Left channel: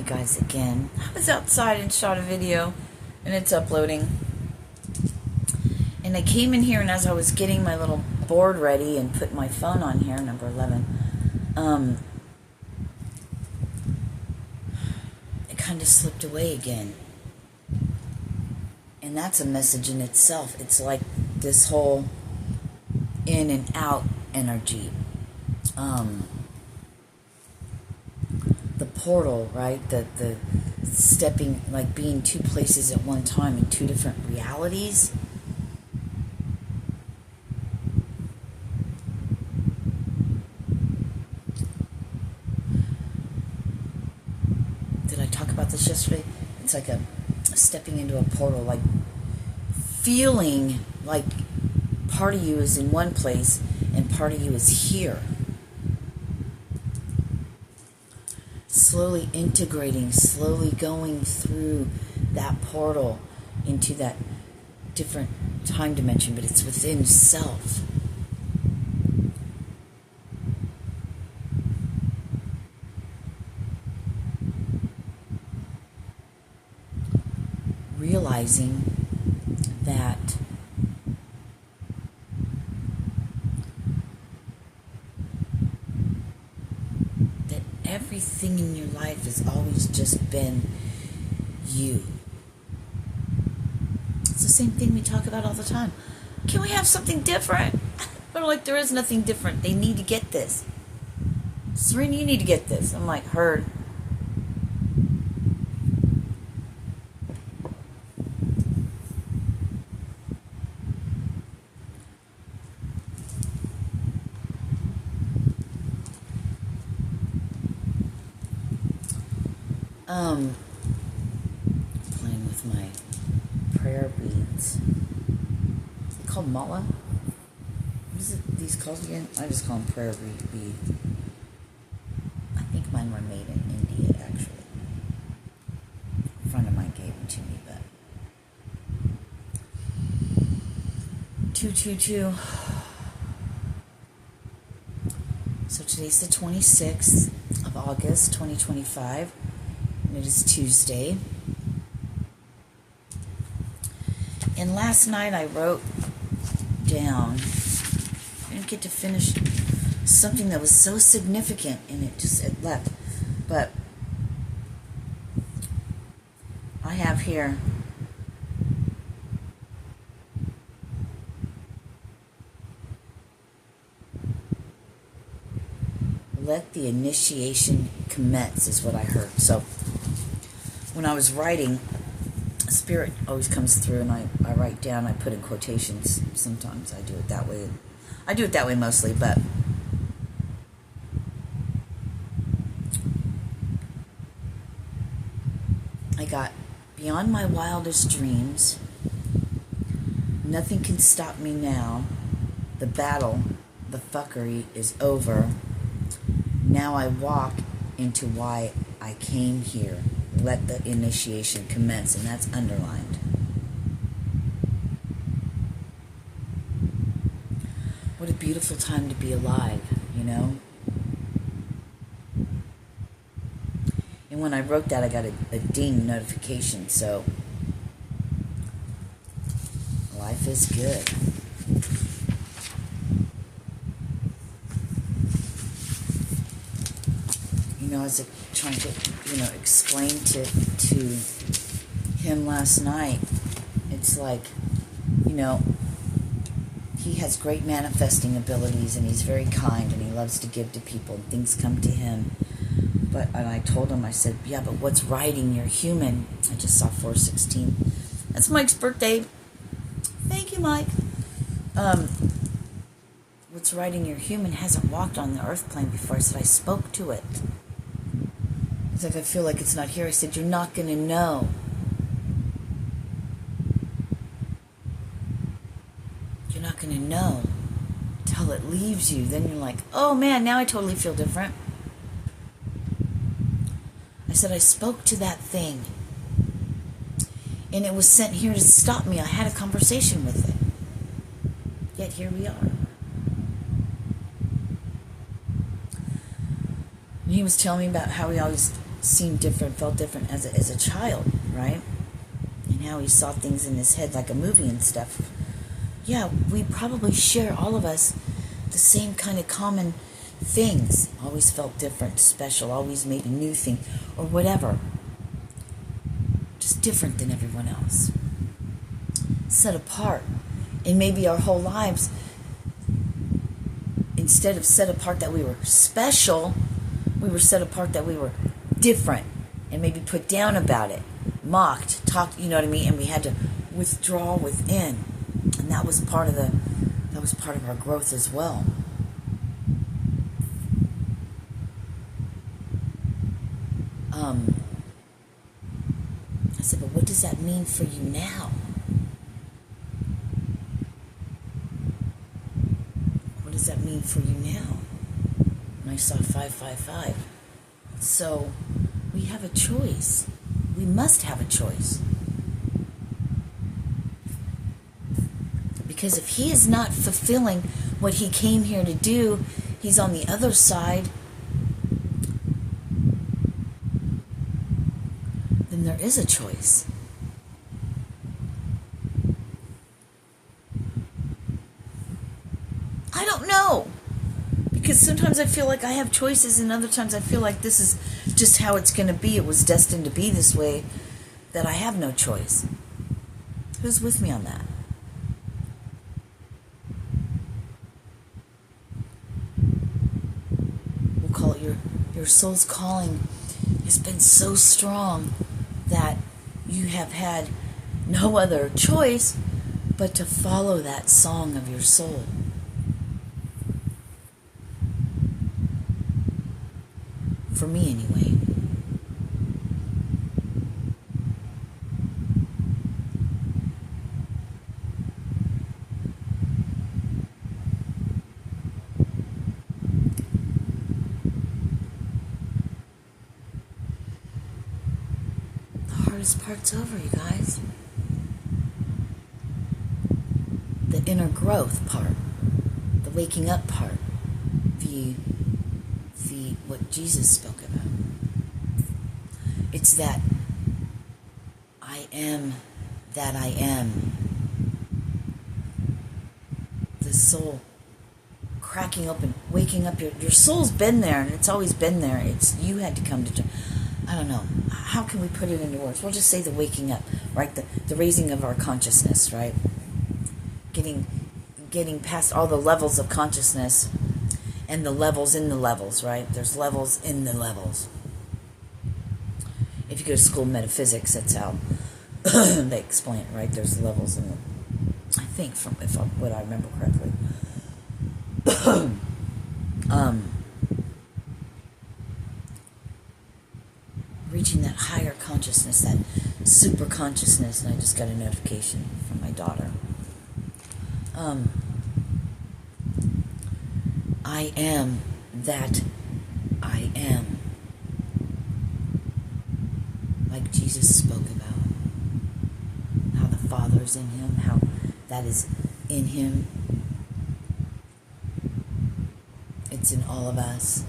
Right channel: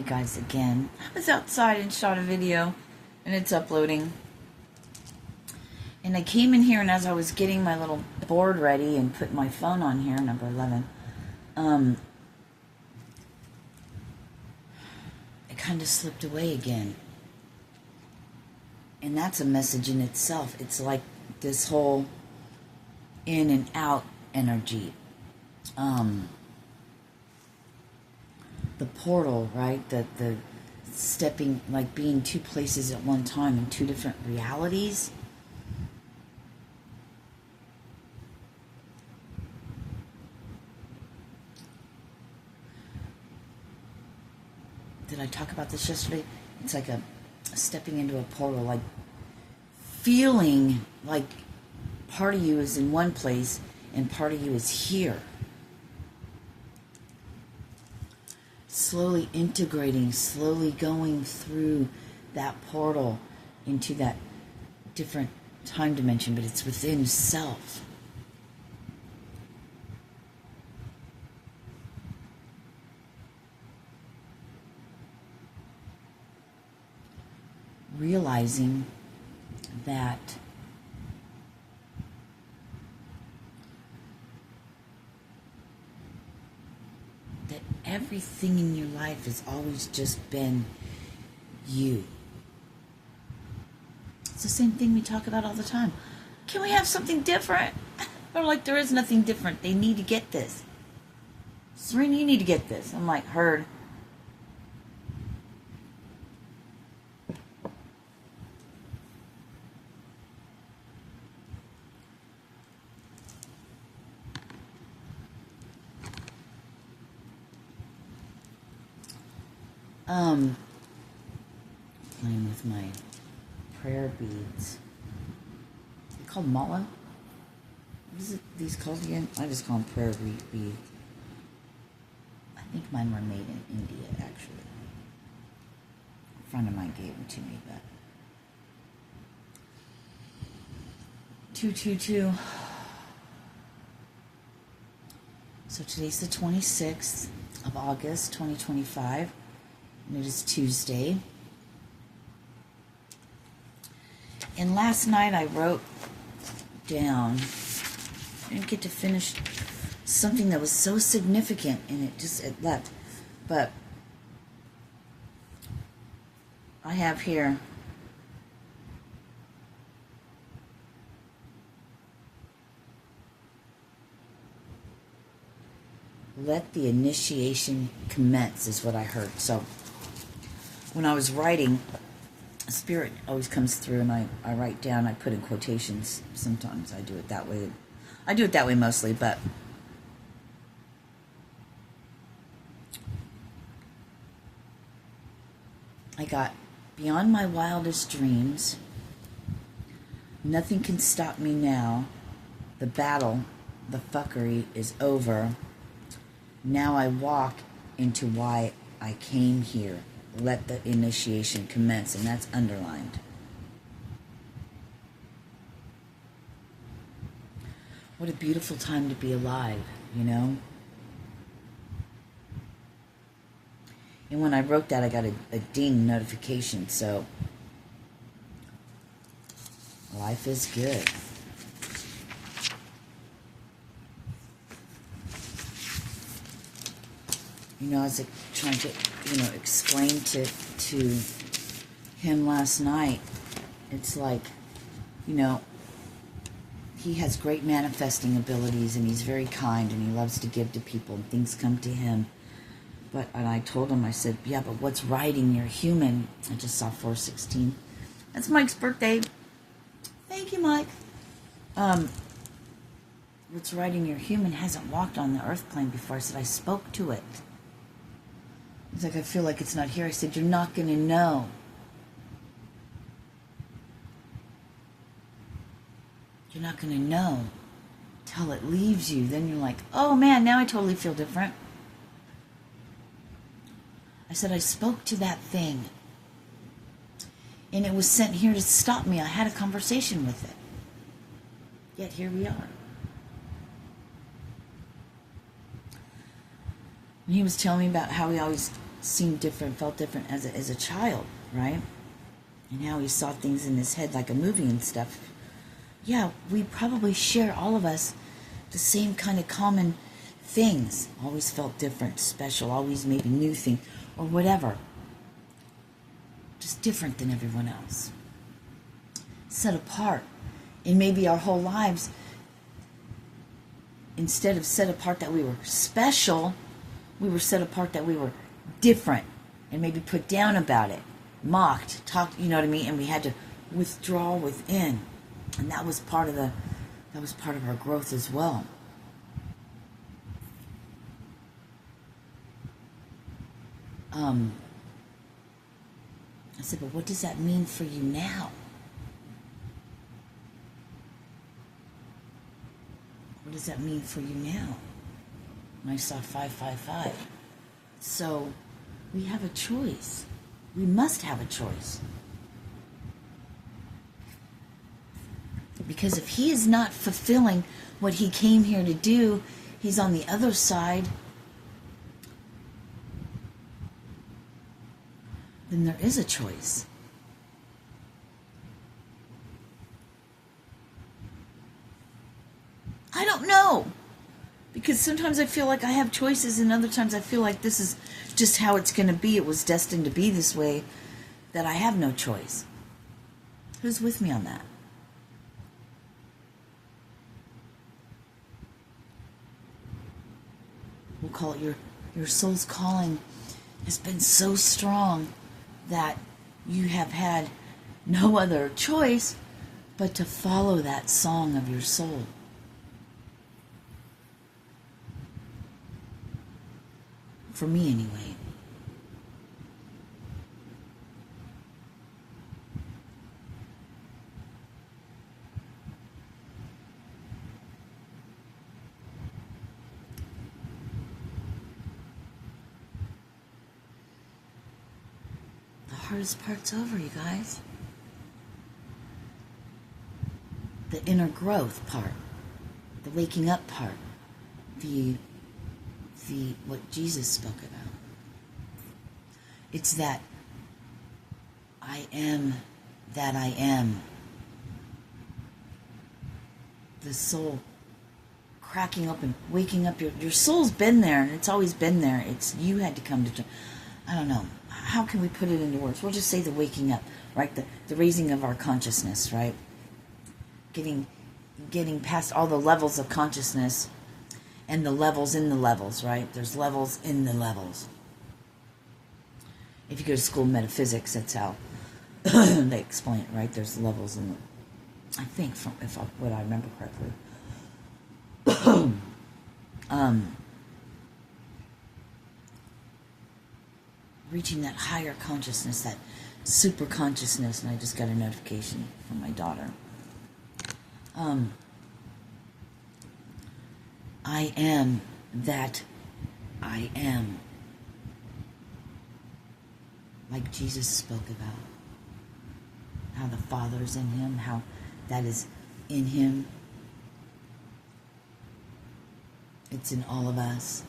Hey guys, again. I was outside and shot a video, and it's uploading. And I came in here, and as I was getting my little board ready and putting my phone on here, number 11, it kind of slipped away again. And that's a message in itself. It's like this whole in and out energy. The portal, right? The stepping, like being two places at one time in two different realities. Did I talk about this yesterday? It's like a stepping into a portal, like feeling like part of you is in one place and part of you is here. Slowly integrating, slowly going through that portal into that different time dimension, but it's within self. Realizing that everything in your life has always just been you. It's the same thing we talk about all the time. Can we have something different? But I'm like, there is nothing different. They need to get this. Serena, you need to get this. I'm like, heard. Playing with my prayer beads. They're called mala. What is it? These called again? I just call them prayer bead. I think mine were made in India, actually. A friend of mine gave them to me, but 222. So today's the 26th of August, 2025. And it is Tuesday. And last night I wrote down, I didn't get to finish something that was so significant, and it left. But I have here, let the initiation commence is what I heard. So when I was writing, Spirit always comes through, and I write down, I put in quotations. Sometimes I do it that way. I do it that way mostly, but I got, beyond my wildest dreams, nothing can stop me now. The battle, the fuckery is over. Now I walk into why I came here. Let the initiation commence, and that's underlined. What a beautiful time to be alive, you know? And when I wrote that, I got a ding notification, so life is good. You know, I was trying to, explain to him last night, it's like, he has great manifesting abilities, and he's very kind, and he loves to give to people, and things come to him. And I told him, I said, yeah, but what's riding your human? I just saw 416. That's Mike's birthday. Thank you, Mike. What's riding your human hasn't walked on the earth plane before. I said, I spoke to it. He's like, I feel like it's not here. I said, you're not going to know. You're not going to know till it leaves you. Then you're like, oh man, now I totally feel different. I said, I spoke to that thing, and it was sent here to stop me. I had a conversation with it. Yet here we are. And he was telling me about how he always seemed different, felt different as a child, right? And how he saw things in his head like a movie and stuff. Yeah, we probably share, all of us, the same kind of common things. Always felt different, special, always maybe new thing, or whatever. Just different than everyone else. Set apart. And maybe our whole lives, instead of set apart that we were special, we were set apart that we were different, and maybe put down about it, mocked, talked, you know what I mean? And we had to withdraw within. And that was part of our growth as well. I said, but what does that mean for you now? What does that mean for you now? And I saw 555. So we have a choice. We must have a choice. Because if he is not fulfilling what he came here to do, he's on the other side, then there is a choice. I don't know. Because sometimes I feel like I have choices, and other times I feel like this is just how it's going to be. It was destined to be this way, that I have no choice. Who's with me on that? We'll call it your soul's calling has been so strong that you have had no other choice but to follow that song of your soul. For me, anyway. The hardest part's over, you guys. The inner growth part, the waking up part, the what Jesus spoke about. It's that I am that I am. The soul cracking open, waking up. Your soul's been there, and it's always been there. It's you had to come to. I don't know. How can we put it into words? We'll just say the waking up, right? The raising of our consciousness, right? Getting past all the levels of consciousness. And the levels in the levels, right? There's levels in the levels. If you go to school metaphysics, that's how they explain it, right? There's levels in the, I think, what I remember correctly. Reaching that higher consciousness, that super consciousness, and I just got a notification from my daughter. I am that I am. Like Jesus spoke about. How the Father's in him, how that is in him. It's in all of us.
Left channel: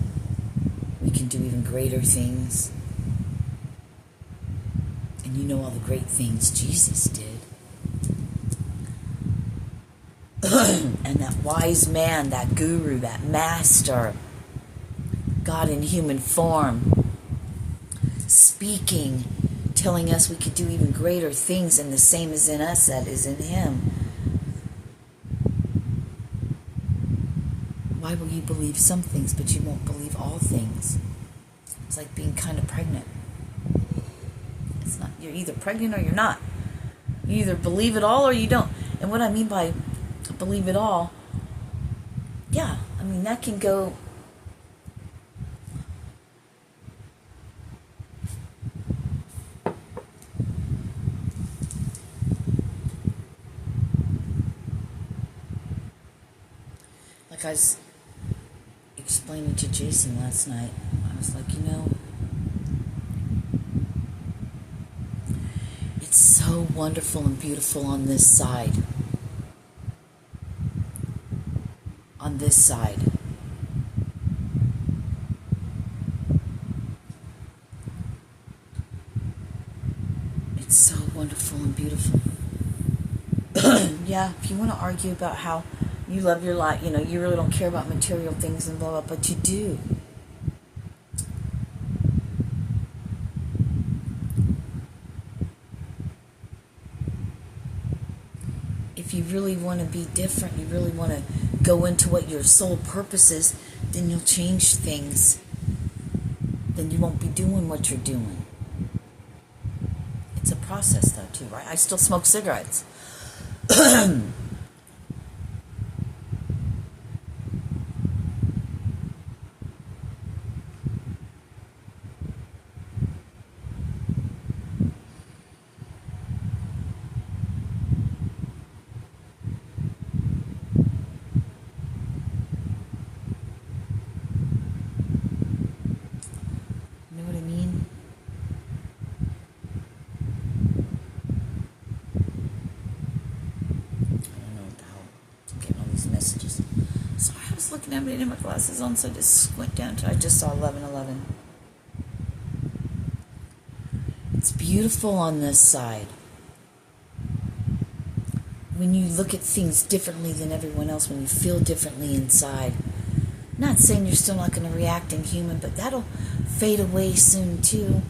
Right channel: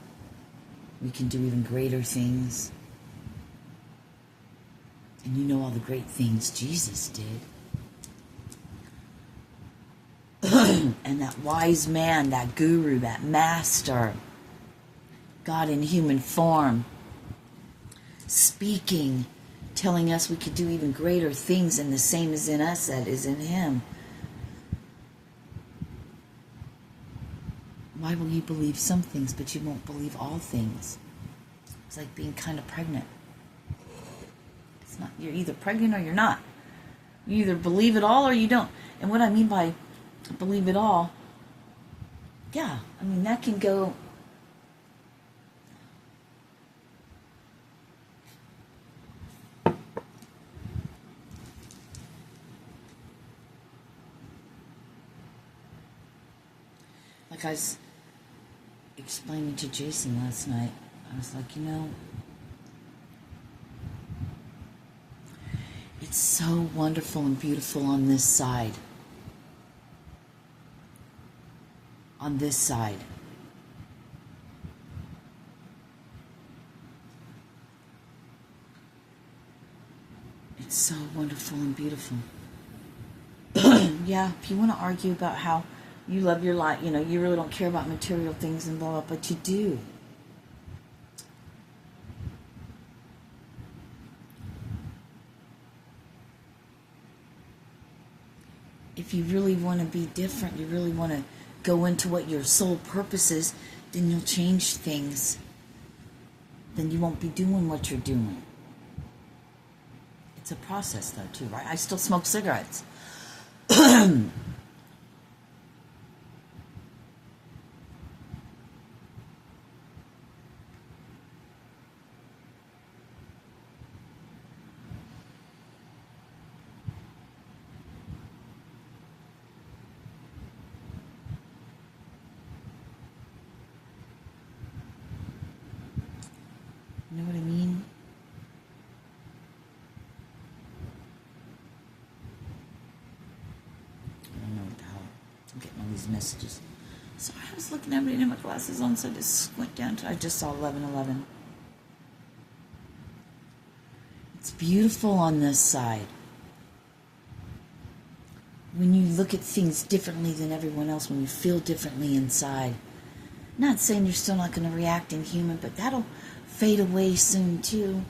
We can do even greater things. And you know all the great things Jesus did. And that wise man, that guru, that master, God in human form, speaking, telling us we could do even greater things, and the same is in us that is in him. Why will you believe some things, but you won't believe all things? It's like being kind of pregnant. It's not, you're either pregnant or you're not. You either believe it all or you don't. And what I mean by believe it all, yeah, I mean that can go like I was explaining to Jason last night. I was like, it's so wonderful and beautiful on this side. On this side. It's so wonderful and beautiful. Yeah, if you want to argue about how you love your life, you really don't care about material things and blah, blah, but you do. If you really want to be different, you really want to go into what your sole purpose is, then you'll change things. Then you won't be doing what you're doing. It's a process, though, too, right? I still smoke cigarettes. You know what I mean? I don't know how I'm getting all these messages. Sorry, I was looking at it in my glasses on, so I just went down to, I just saw 11:11. It's beautiful on this side. When you look at things differently than everyone else, when you feel differently inside. Not saying you're still not going to react in human, but that'll fade away soon too.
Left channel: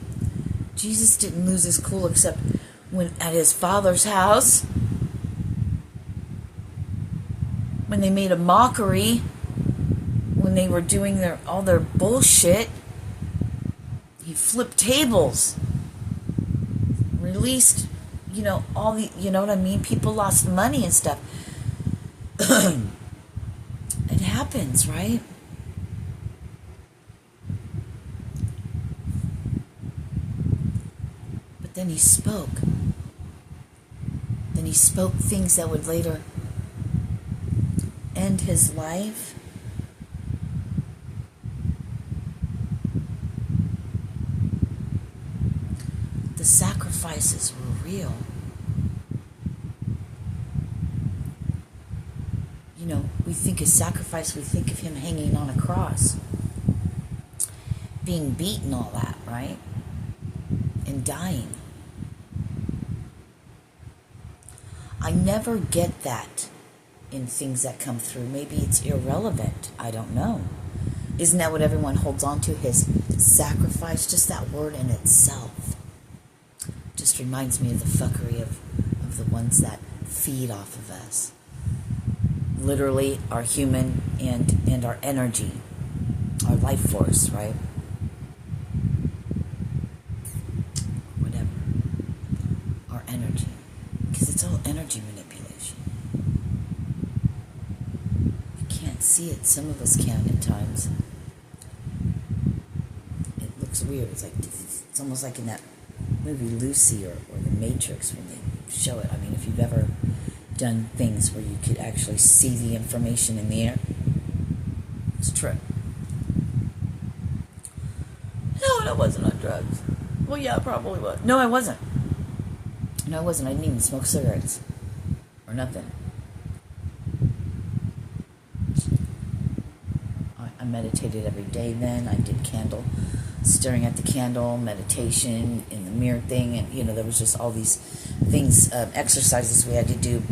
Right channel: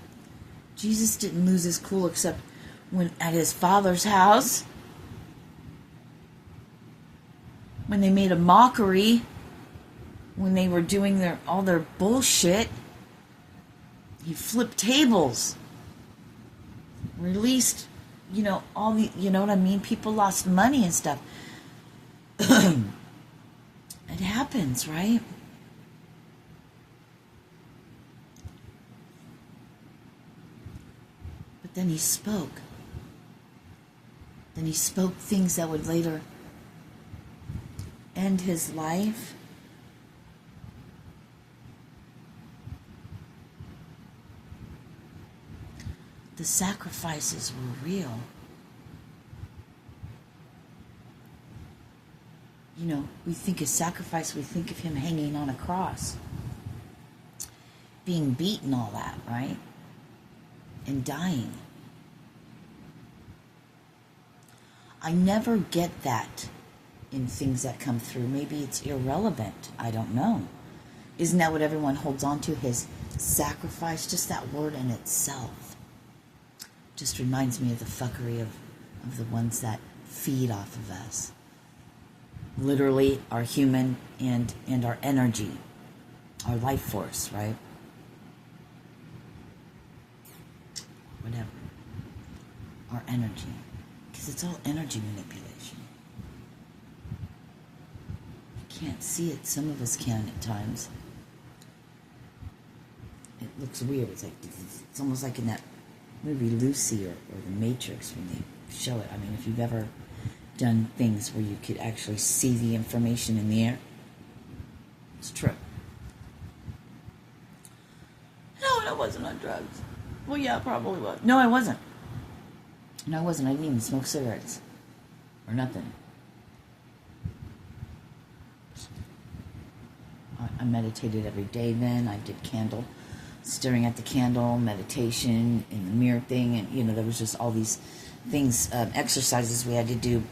Jesus didn't lose his cool except when at his Father's house, when they made a mockery, when they were doing all their bullshit. He flipped tables, released, all the, you know what I mean? People lost money and stuff. It happens, right? But then he spoke. Then he spoke things that would later end his life. The sacrifices were real. We think of sacrifice, we think of him hanging on a cross, being beaten, all that, right? And dying. I never get that in things that come through. Maybe it's irrelevant. I don't know. Isn't that what everyone holds on to? His sacrifice? Just that word in itself. Just reminds me of the fuckery of the ones that feed off of us. Literally our human and our energy. Our life force, right? Whatever. Our energy. Because it's all energy manipulation. You can't see it. Some of us can at times. It looks weird. It's almost like in that movie Lucy or The Matrix when they show it. I mean, if you've ever done things where you could actually see the information in the air, it's true. No, I wasn't on drugs. Well, yeah, I probably was. No, I wasn't. No, I wasn't. I didn't even smoke cigarettes or nothing. I meditated every day then. I did candle, staring at the candle, meditation, in the mirror thing, and, there was just all these things, exercises we had to do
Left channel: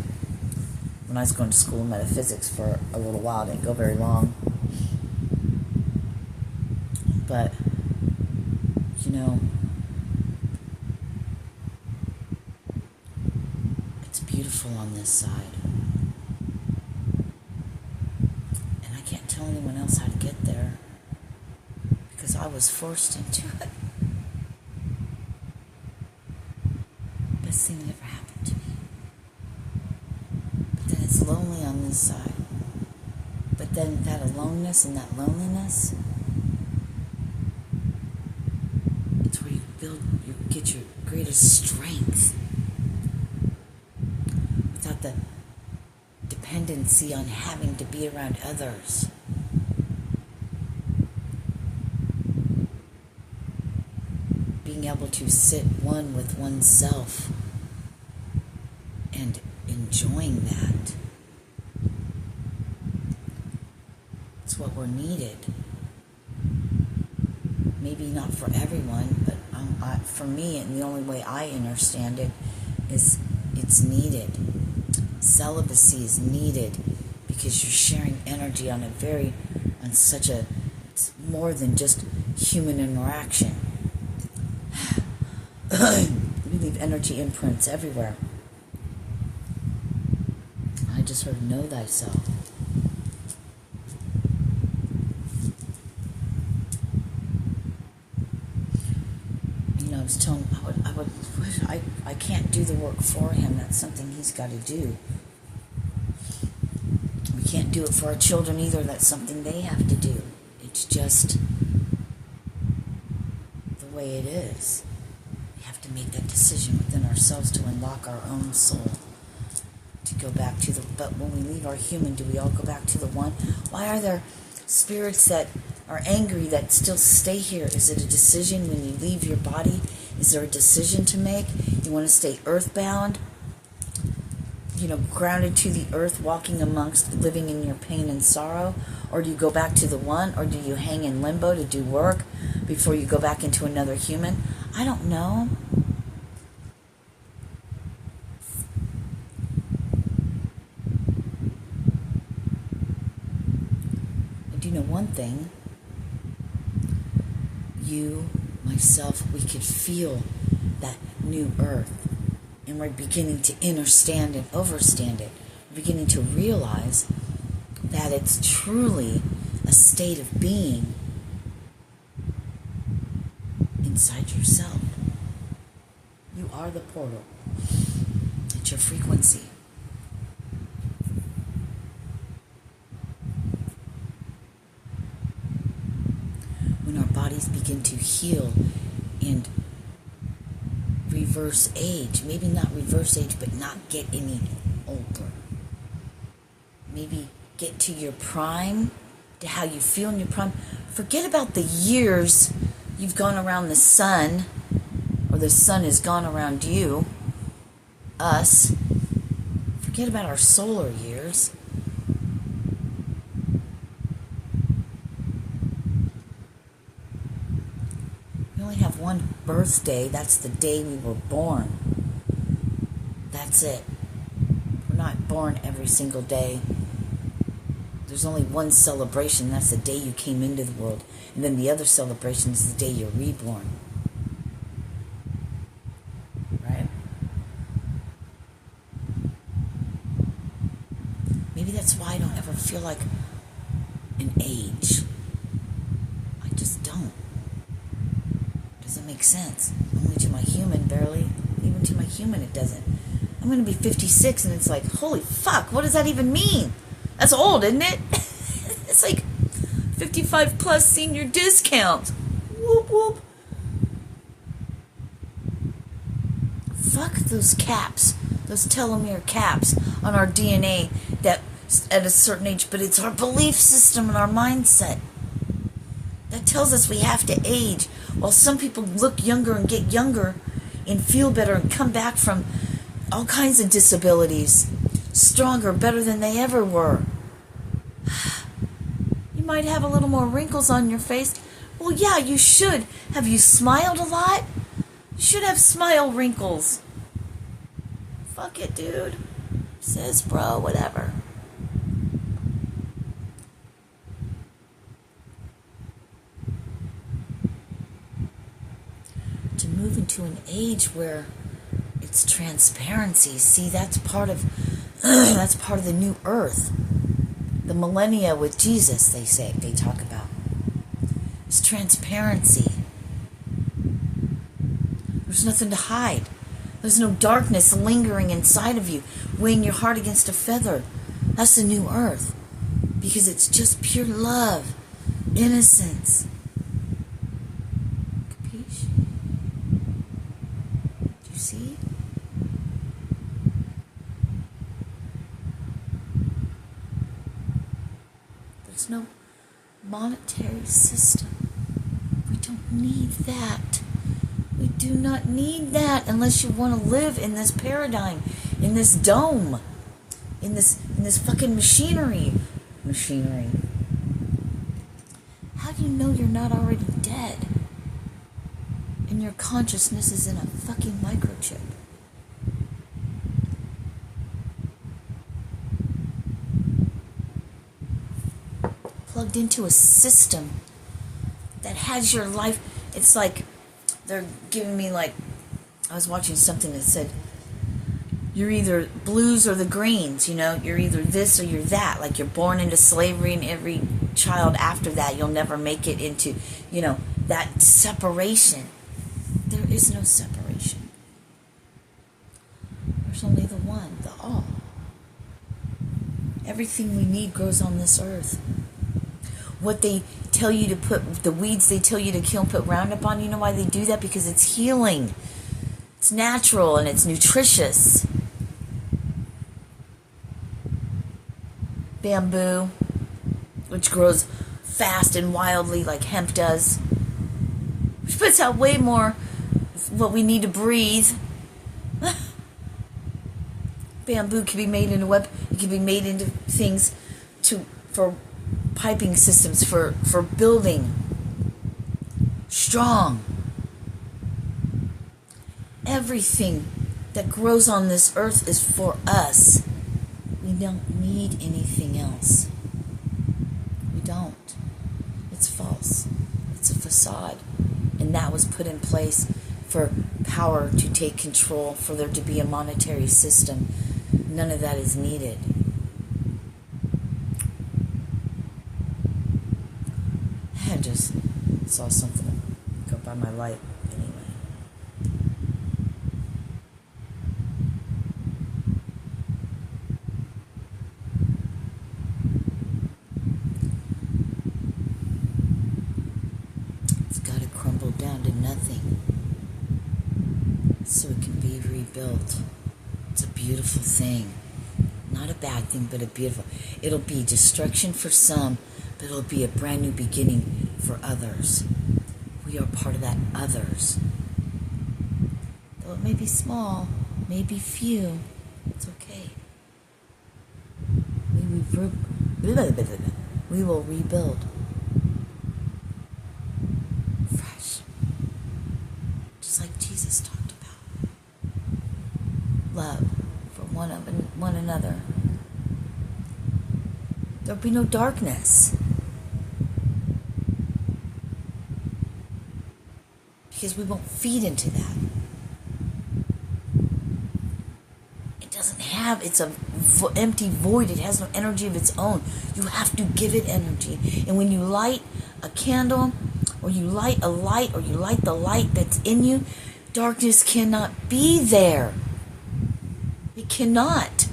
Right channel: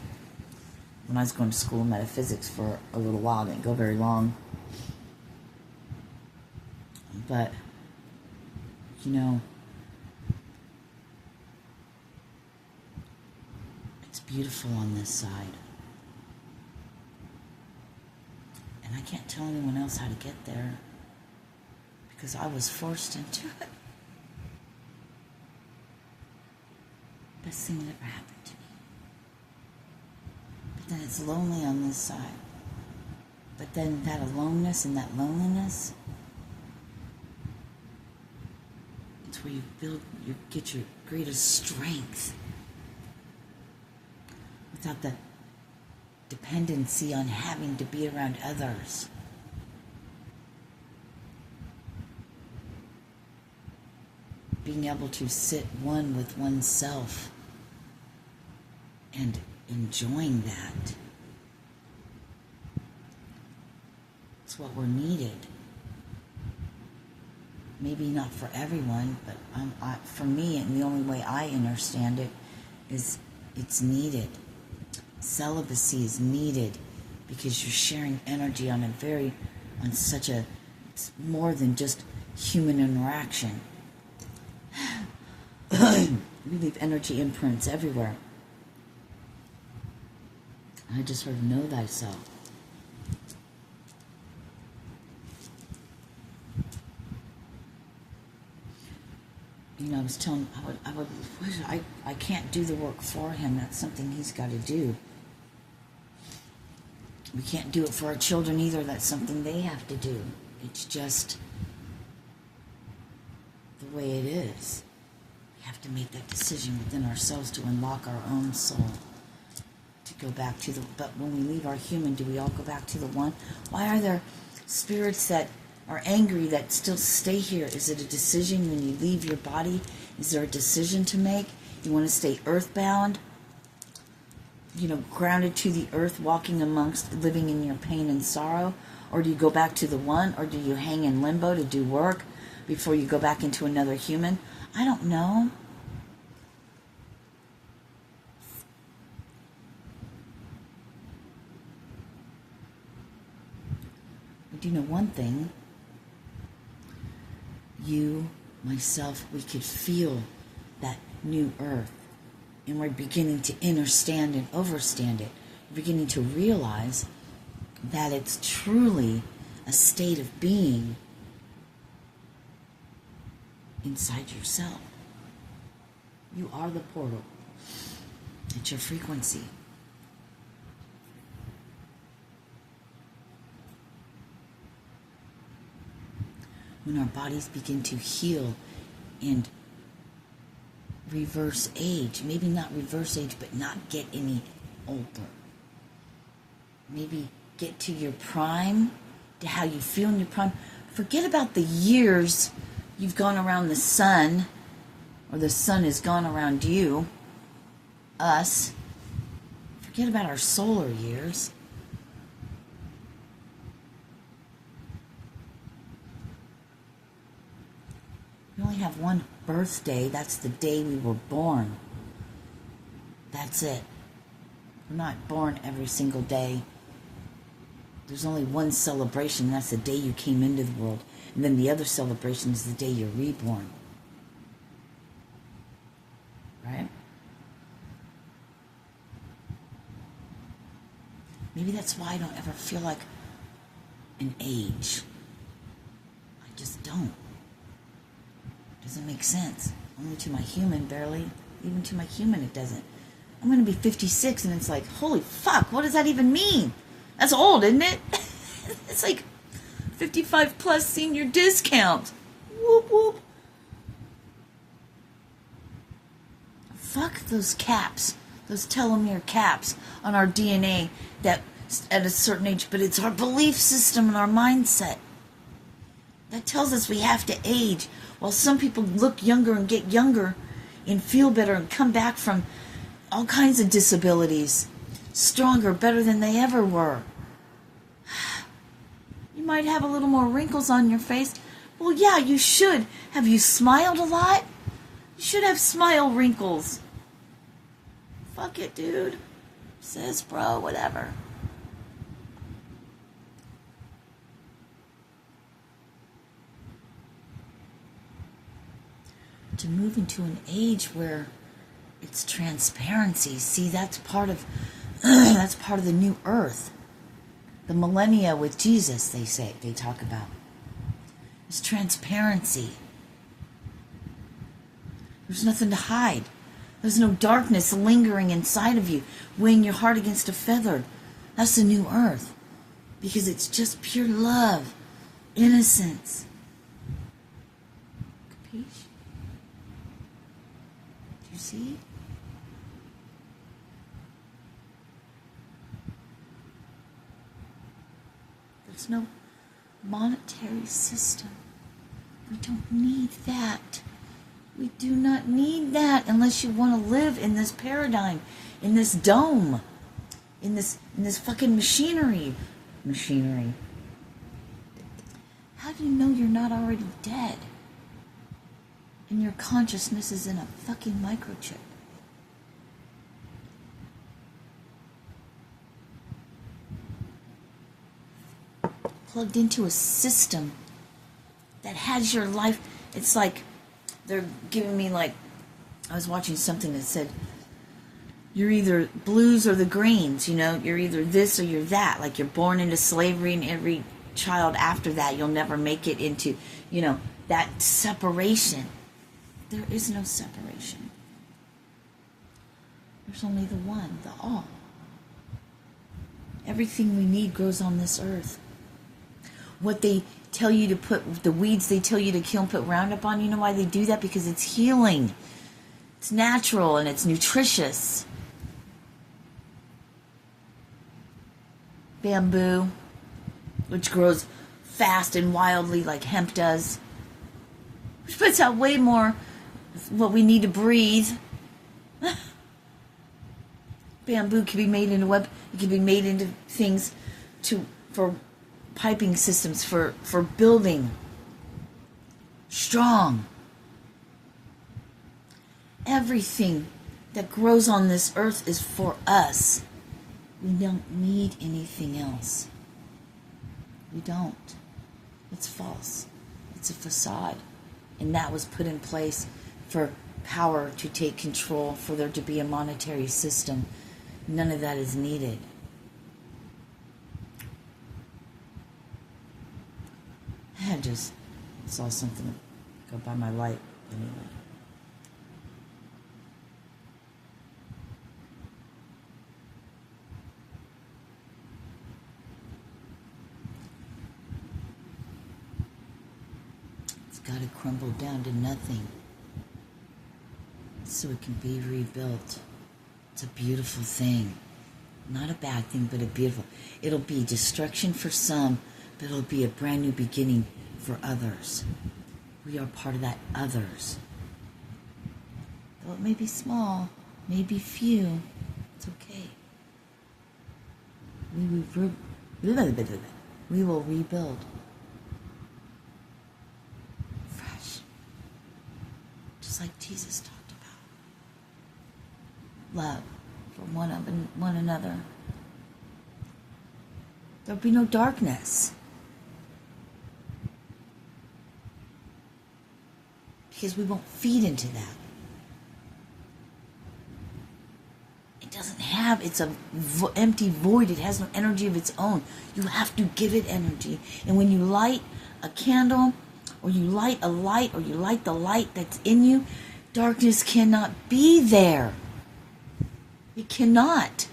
when I was going to school in metaphysics for a little while. Didn't go very long. But, it's beautiful on this side. And I can't tell anyone else how to get there because I was forced into it. Best thing that ever happened to me. But then it's lonely on this side. But then that aloneness and that loneliness, it's where you get your greatest strength. Without the dependency on having to be around others. Being able to sit one with oneself and enjoying that. It's what we're needed. Maybe not for everyone, but for me, and the only way I understand it is it's needed. Celibacy is needed because you're sharing energy on it's more than just human interaction. We leave energy imprints everywhere. I just heard know thyself. I was telling I can't do the work for him. That's something he's got to do. We can't do it for our children either. That's something they have to do. It's just the way it is. We have to make that decision within ourselves to unlock our own soul. To go back to but when we leave our human, do we all go back to the one? Why are there spirits that are angry that still stay here? Is it a decision when you leave your body? Is there a decision to make? You want to stay earthbound? Grounded to the earth, walking amongst, living in your pain and sorrow? Or do you go back to the one? Or do you hang in limbo to do work before you go back into another human? I don't know. I do know one thing. You, myself, we could feel that new earth. And we're beginning to understand and overstand it. We're beginning to realize that it's truly a state of being inside yourself. You are the portal. It's your frequency. When our bodies begin to heal and reverse age, maybe not reverse age, but not get any older. Maybe get to your prime, to how you feel in your prime. Forget about the years you've gone around the sun, or the sun has gone around you, us. Forget about our solar years. We only have one birthday. That's the day we were born. That's it. We're not born every single day. There's only one celebration. That's the day you came into the world. And then the other celebration is the day you're reborn. Right? Maybe that's why I don't ever feel like an age. I just don't. Doesn't make sense. Only to my human, barely. Even to my human, it doesn't. I'm going to be 56, and it's like, holy fuck, what does that even mean? That's old, isn't it? It's like 55 plus senior discount. Whoop, whoop. Fuck those caps, those telomere caps on our DNA that at a certain age, but it's our belief system and our mindset that tells us we have to age, while some people look younger and get younger and feel better and come back from all kinds of disabilities stronger, better than they ever were. You might have a little more wrinkles on your face. Well, yeah, you should. Have you smiled a lot? You should have smile wrinkles. Fuck it, dude. Says bro, whatever. To move into an age where it's transparency. See, that's part of the new earth. The millennia with Jesus, they talk about. It's transparency. There's nothing to hide. There's no darkness lingering inside of you, weighing your heart against a feather. That's the new earth. Because it's just pure love, innocence. Capiche? Do you see? There's no monetary system. We don't need that. We do not need that unless you want to live in this paradigm, in this dome, in this fucking machinery. How do you know you're not already dead? And your consciousness is in a fucking microchip. Plugged into a system that has your life. It's like they're giving me, like, I was watching something that said, you're either blues or the greens, you know, you're either this or you're that. Like, you're born into slavery, and every child after that, you'll never make it into, you know, that separation. There is no separation. There's only the one, the all. Everything we need grows on this earth. What they tell you to put, the weeds they tell you to kill and put Roundup on, you know why they do that? Because it's healing. It's natural and it's nutritious. Bamboo, which grows fast and wildly like hemp does, which puts out way more what we need to breathe. Bamboo can be made into it can be made into things for piping systems, for building strong. Everything that grows on this earth is for us. We don't need anything else. We don't. It's false. It's a facade. And that was put in place for power to take control, for there to be a monetary system. None of that is needed. I just saw something go by my light anyway. It's got to crumble down to nothing so it can be rebuilt. It's a beautiful thing. Not a bad thing, but a beautiful. It'll be destruction for some, but it'll be a brand new beginning for others. We are part of that others. Though it may be small, may be few, it's okay. We will rebuild. Fresh. Just like Jesus talked about. Love for one another. There'll be no darkness. Because we won't feed into that. It doesn't have, it's a empty void. It has no energy of its own. You have to give it energy. And when you light a candle, or you light a light, or you light the light that's in you, darkness cannot be there. It cannot.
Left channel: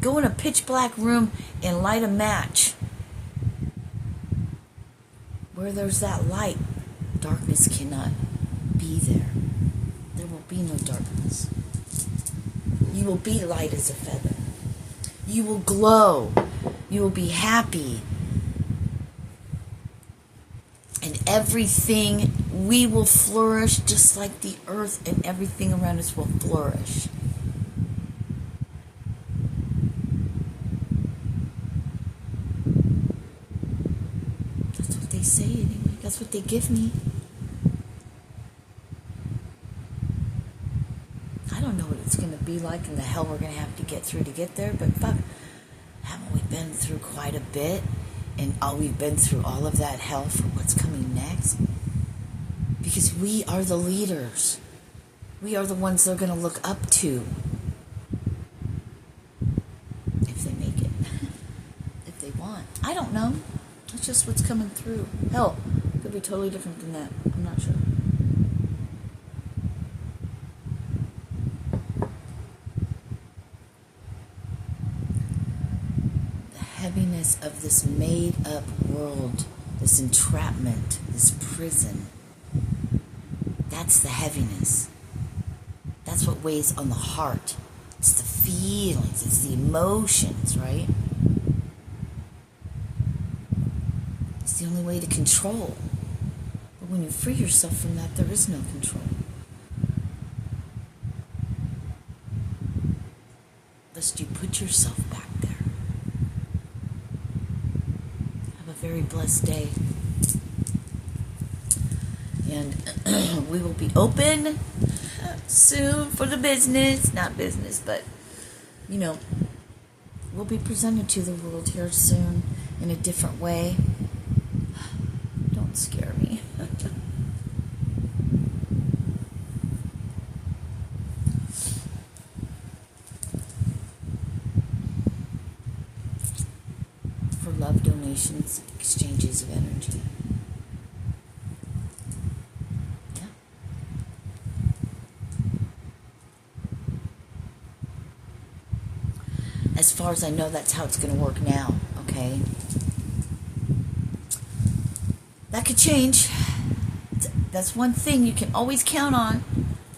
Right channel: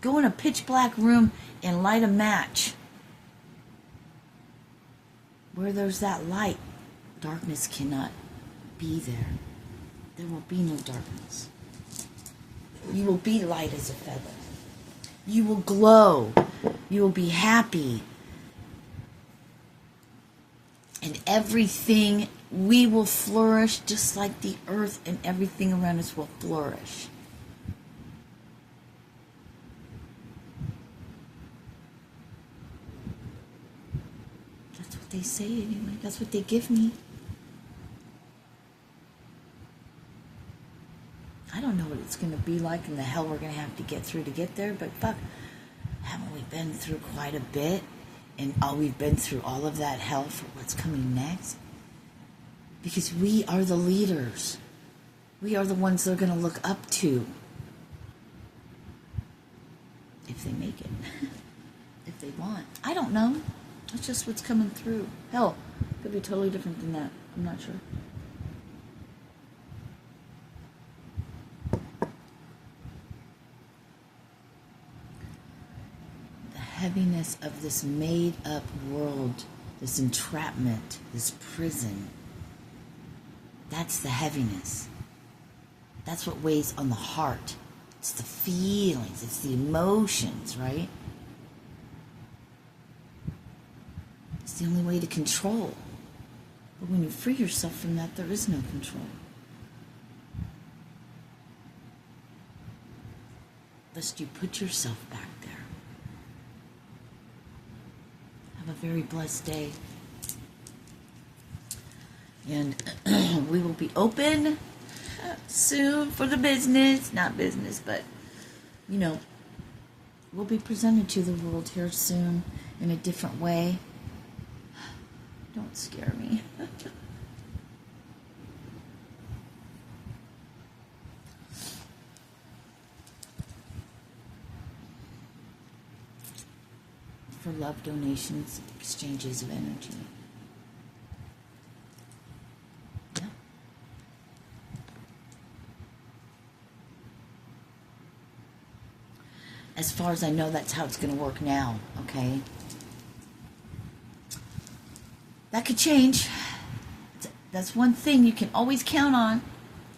Go in a pitch black room and light a match. Where there's that light, darkness cannot be there. There will be no darkness. You will be light as a feather. You will glow. You will be happy. And everything, we will flourish just like the earth, and everything around us will flourish. That's what they say anyway. That's what they give me. I don't know what it's going to be like and the hell we're going to have to get through to get there, but fuck, haven't we been through quite a bit? And we've been through all of that hell for what's coming next? Because we are the leaders. We are the ones they're going to look up to. If they make it. If they want. I don't know. It's just what's coming through. Hell, it could be totally different than that. I'm not sure. Heaviness of this made-up world, this entrapment, this prison. That's the heaviness. That's what weighs on the heart. It's the feelings, it's the emotions, right? It's the only way to control. But when you free yourself from that, there is no control. Lest you put yourself back there. Have a very blessed day. And we will be open soon for the business. Not business, but, you know, we'll be presented to the world here soon in a different way. Don't scare me. For love donations, exchanges of energy. Yeah. As far as I know, that's how it's going to work now, okay? That could change. That's one thing you can always count on.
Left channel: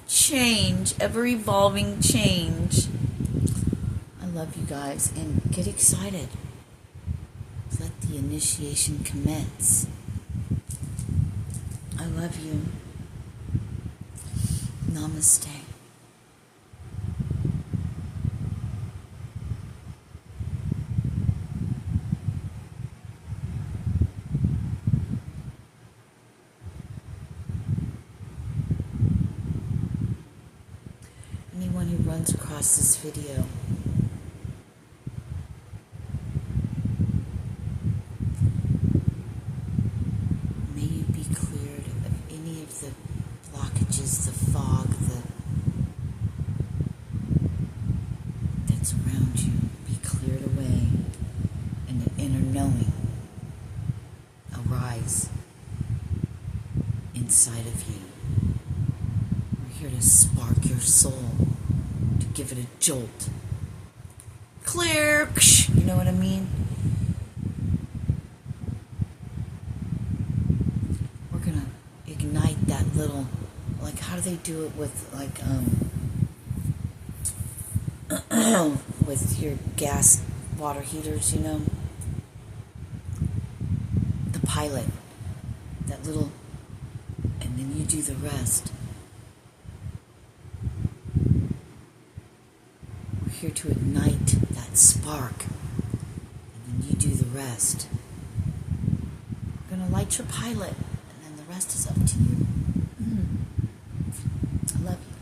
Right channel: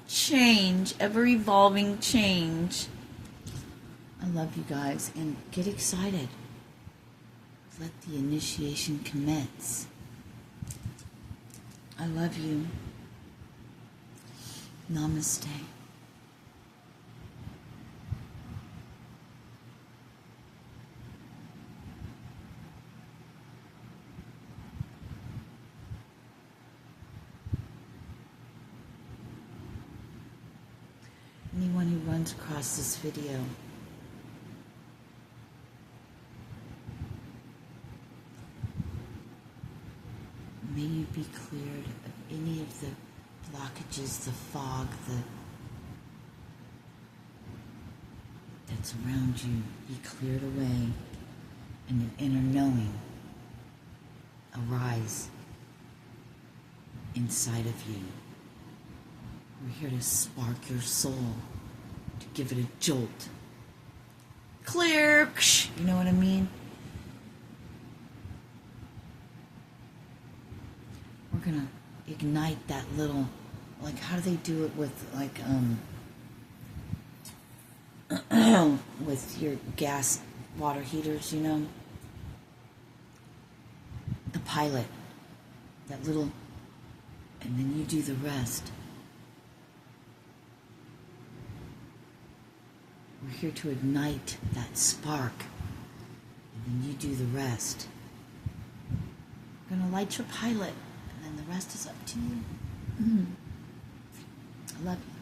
Change, ever-evolving change. I love you guys, and get excited. Let the initiation commence. I love you. Namaste. Anyone who runs across this video, may you be cleared of any of the blockages, the fog, that's around you. Be cleared away, and an inner knowing arise inside of you. We're here to spark your soul, to give it a jolt. Clear! You know what I mean? We're gonna ignite that little, like, how do they do it with, like, with your gas water heaters, you know? The pilot, that little, and then you do the rest. We're here to ignite that spark, and then you do the rest. We're going to light your pilot, and then the rest is up to you. I love you.